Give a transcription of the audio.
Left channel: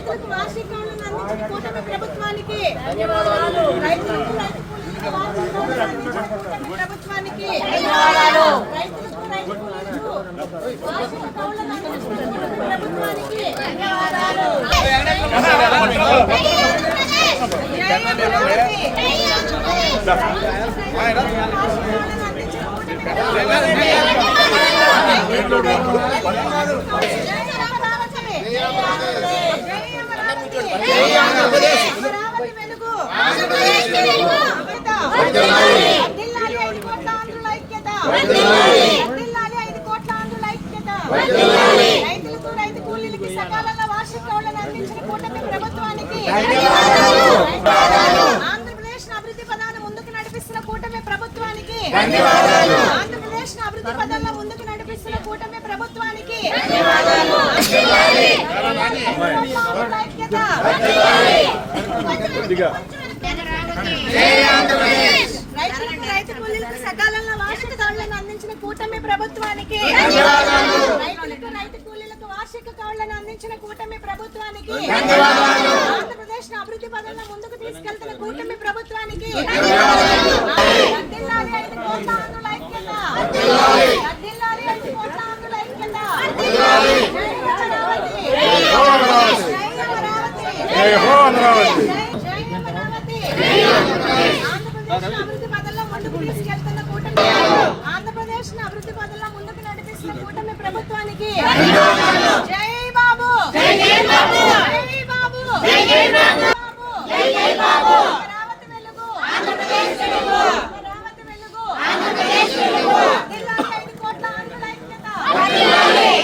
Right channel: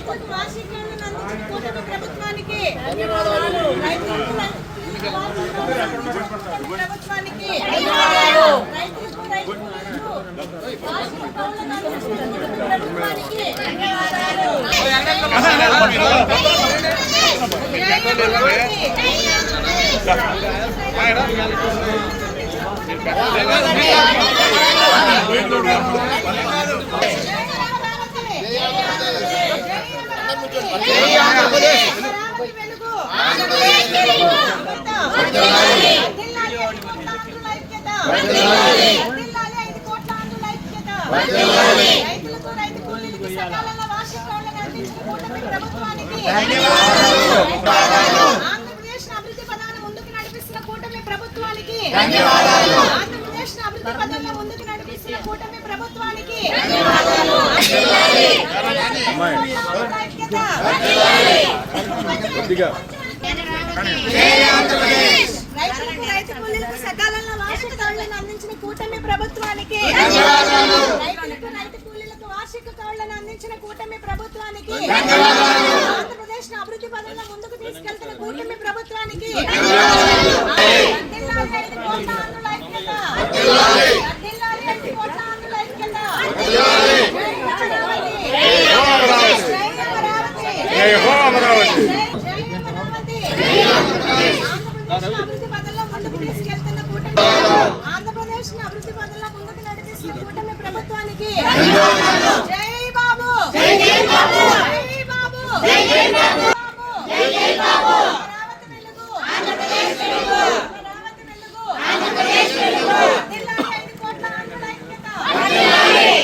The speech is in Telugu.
రైతులకు వార్షికాలను అందించిన కూటమి ప్రభుత్వానికి ధన్యవాదాలు. రైతులకు రైతు కూలీలకు వార్షికాలను అందించిన కూటమి ప్రభుత్వానికి ధన్యవాదాలు. రైతులకు రైతు కూలీలకు వార్షిక కౌలులను అందించిన కూటమి ప్రభుత్వానికి ధన్యవాదాలు. రైతులకు రైతు కూలీలకు సకాలంలో వార్షిక కౌలులను అందించిన కూటమి ప్రభుత్వానికి ఆంధ్రప్రదేశ్ అభివృద్ధి పథాన్ని ముందుకు నడిపిస్తున్న కూటమి ప్రభుత్వానికి ఆంధ్రప్రదేశ్ అభివృద్ధి పథంలో ముందుకు నడిపిస్తున్న కూటమి ప్రభుత్వానికి రైతులకు రైతు కూలీలకు సకాలంలో వార్షిక కౌలులను అందించిన కూటమి ప్రభుత్వానికి రైతులకు రైతు కూలీలకు వార్షిక కౌలులను అందించిన కూటమి ప్రభుత్వానికి ఆంధ్రప్రదేశ్ అభివృద్ధి పథంలో ముందుకు తీసుకెళ్తున్న కూటమి ప్రభుత్వానికి అభివృద్ధి పథంలో ముందుకు తీసుకెళ్తున్న కూటమి ఆంధ్రప్రదేశ్ అభివృద్ధి పథంలో ముందుకు నడిపిస్తున్న కూటమి ప్రభుత్వానికి జై బాబు, జై బాబు, జై బాబు.